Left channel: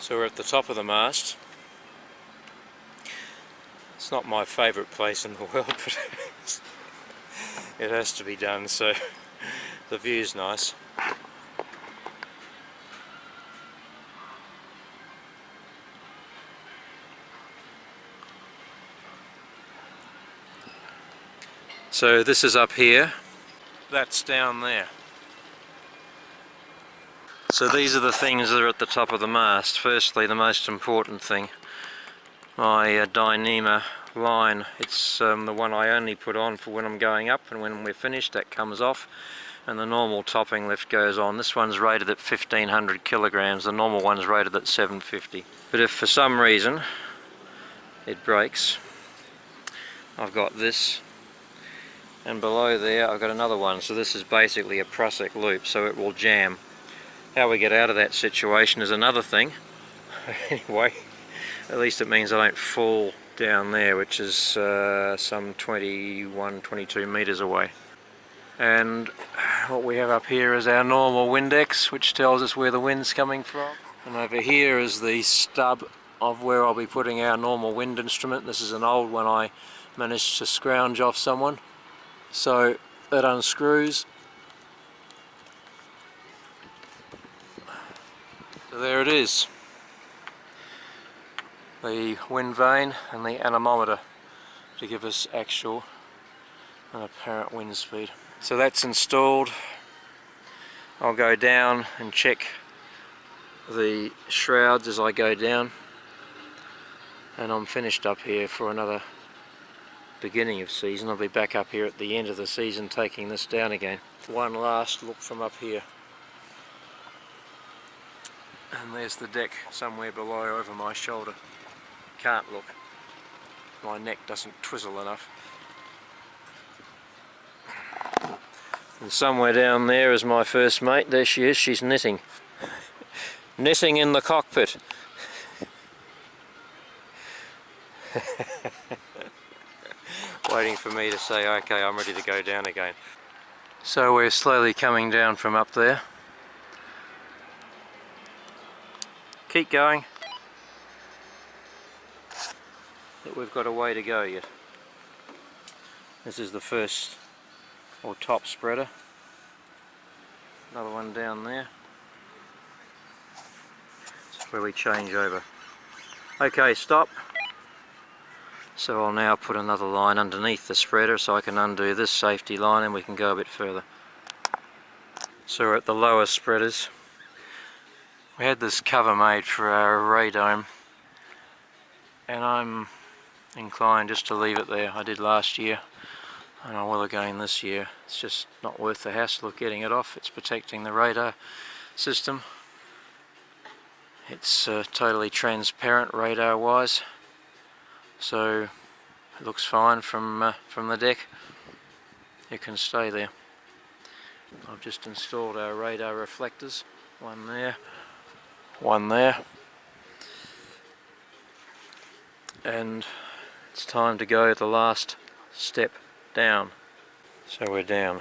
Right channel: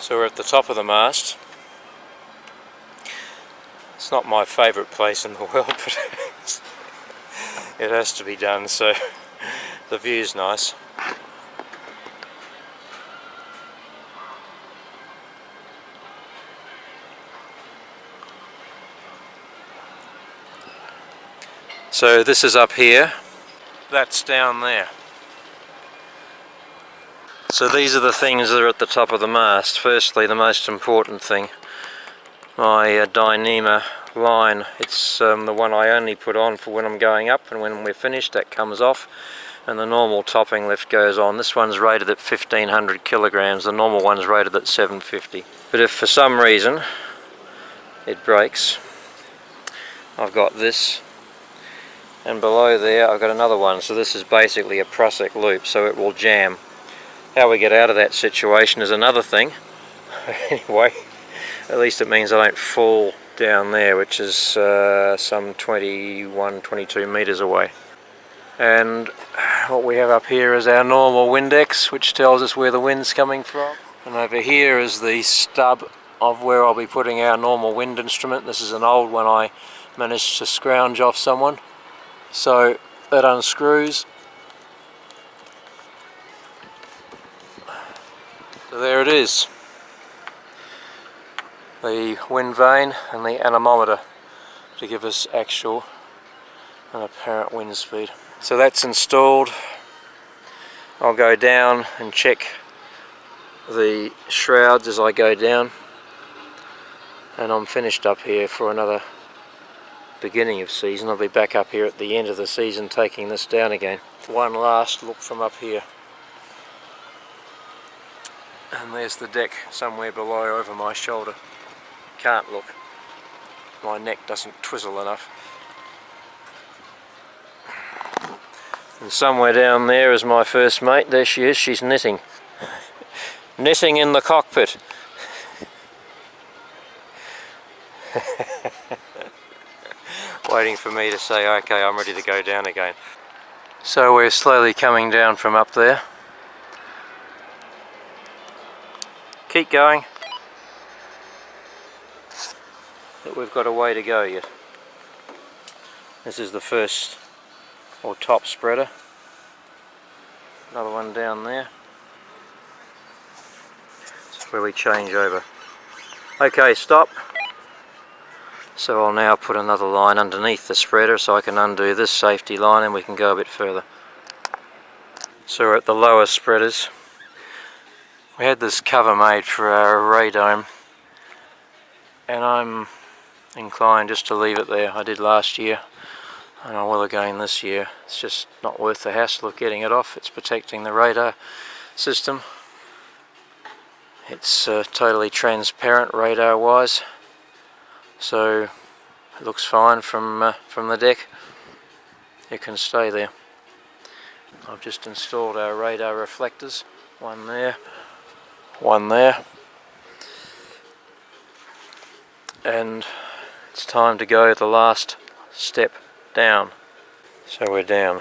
So we're at the top of the mast. It's not my favourite place in the world, but it has to be done, so the view's nice. So this is up here, that's down there. So these are the things that are at the top of the mast. Firstly, the most important thing, my Dyneema line. It's the one I only put on for when I'm going up, and when we're finished that comes off and the normal topping lift goes on. This one's rated at 1500 kilograms, the normal one's rated at 750. But if for some reason it breaks, I've got this, and below there I've got another one. So this is basically a Prusik loop, so it will jam. How we get out of that situation is another thing. Anyway, at least it means I don't fall down there, which is some 22 meters away. And what we have up here is our normal Windex, which tells us where the wind's coming from. And over here is the stub of where I'll be putting our normal wind instrument. This is an old one I managed to scrounge off someone. So that unscrews. So there it is. The wind vane and the anemometer to give us actual and apparent wind speed. So that's installed. I'll go down and check the shrouds as I go down, and I'm finished up here for another beginning of season. I'll be back up here at the end of the season taking this down again. One last look from up here, and there's the deck somewhere below over my shoulder. Can't look, my neck doesn't twizzle enough. And somewhere down there is my first mate. There she is, she's knitting. Knitting in the cockpit. Waiting for me to say, okay, I'm ready to go down again. So we're slowly coming down from up there. Keep going. But we've got a way to go yet. This is the first or top spreader. Another one down there. That's where we change over. Okay, stop. So I'll now put another line underneath the spreader so I can undo this safety line and we can go a bit further. So we're at the lower spreaders. We had this cover made for our radome, and I'm inclined just to leave it there. I did last year and I will again this year. It's just not worth the hassle of getting it off. It's protecting the radar system. It's totally transparent radar wise, so it looks fine from the deck. It can stay there. I've just installed our radar reflectors, one there, one there, and it's time to go the last step down. So we're down.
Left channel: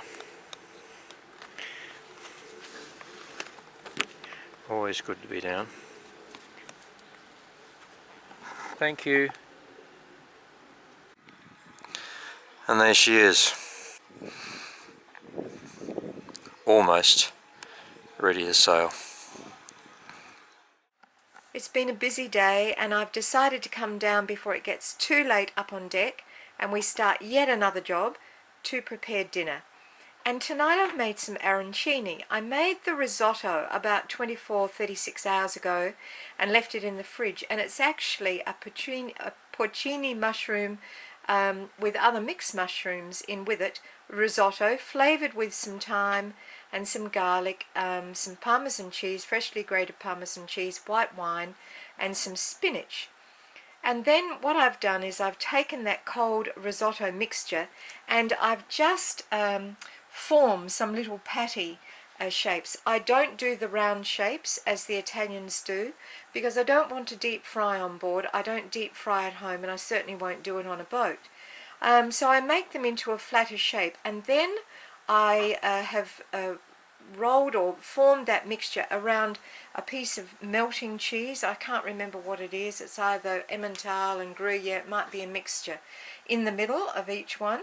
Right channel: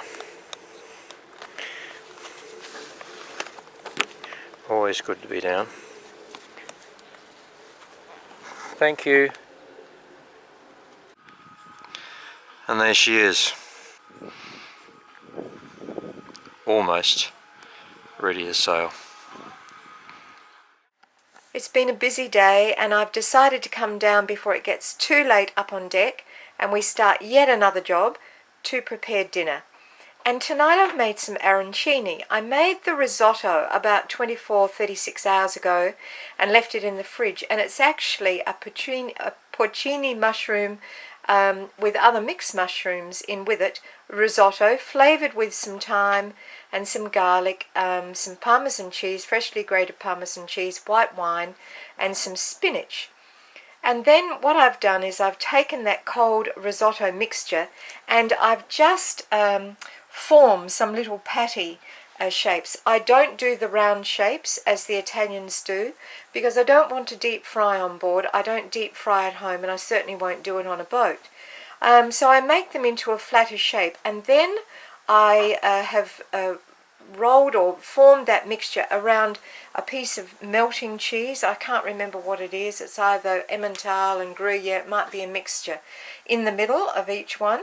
Always good to be down. Thank you. And there she is. Almost ready to sail. It's been a busy day, and I've decided to come down before it gets too late up on deck and we start yet another job to prepare dinner. And tonight I've made some arancini. I made the risotto about 36 hours ago and left it in the fridge, and it's actually a porcini mushroom with other mixed mushrooms in with it, risotto flavoured with some thyme and some garlic, some parmesan cheese, freshly grated parmesan cheese, white wine, and some spinach. And then what I've done is I've taken that cold risotto mixture and I've just formed some little patty shapes. I don't do the round shapes as the Italians do because I don't want to deep fry on board. I don't deep fry at home, and I certainly won't do it on a boat. So I make them into a flatter shape, and then I have rolled or formed that mixture around a piece of melting cheese. I can't remember what it is. It's either Emmental and Gruyere. It might be a mixture in the middle of each one.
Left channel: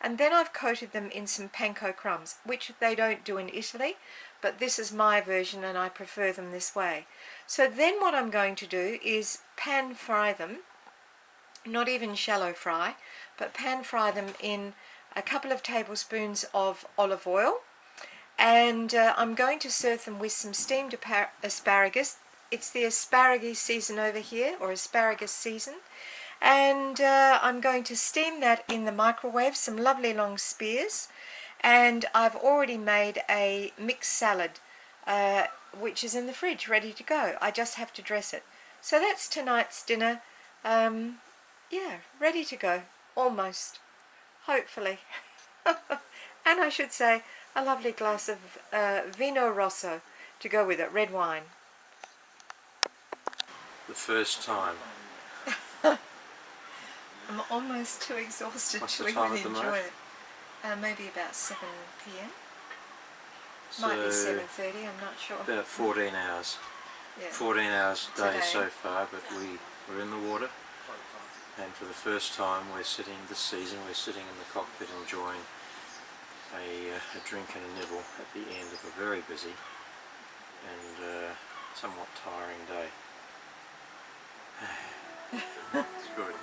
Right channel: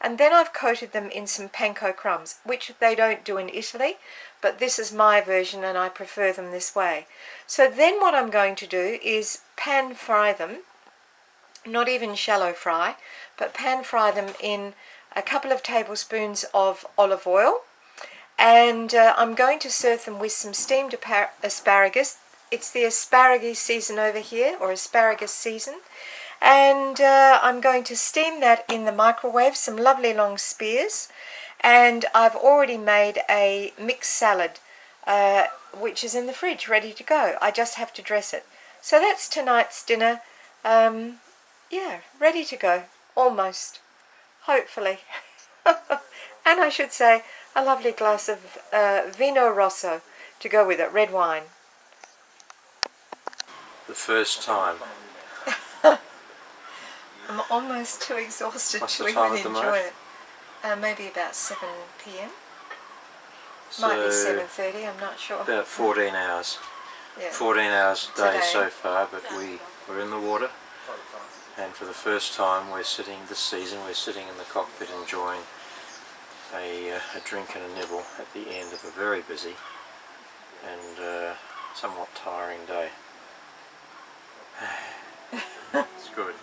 And then I've coated them in some panko crumbs, which they don't do in Italy, but this is my version and I prefer them this way. So then what I'm going to do is pan fry them, not even shallow fry, but pan fry them in a couple of tablespoons of olive oil. And I'm going to serve them with some steamed asparagus. It's the asparagus season over here, or asparagus season. And I'm going to steam that in the microwave, some lovely long spears. And I've already made a mixed salad, which is in the fridge, ready to go. I just have to dress it. So that's tonight's dinner. Yeah, ready to go, almost, hopefully. And I should say, a lovely glass of Vino Rosso to go with it, red wine. The first time. I'm almost too exhausted What's to the time even at the enjoy moment? it. Maybe about 7 p.m. So Might be 7:30, I'm not sure. about 14 hours. Yeah. 14 hours a day Today. so far, but we're in the water. And for the first time we're sitting, this season, we're sitting in the cockpit enjoying a drink and a nibble at the end of a very busy and somewhat tiring day. It's good.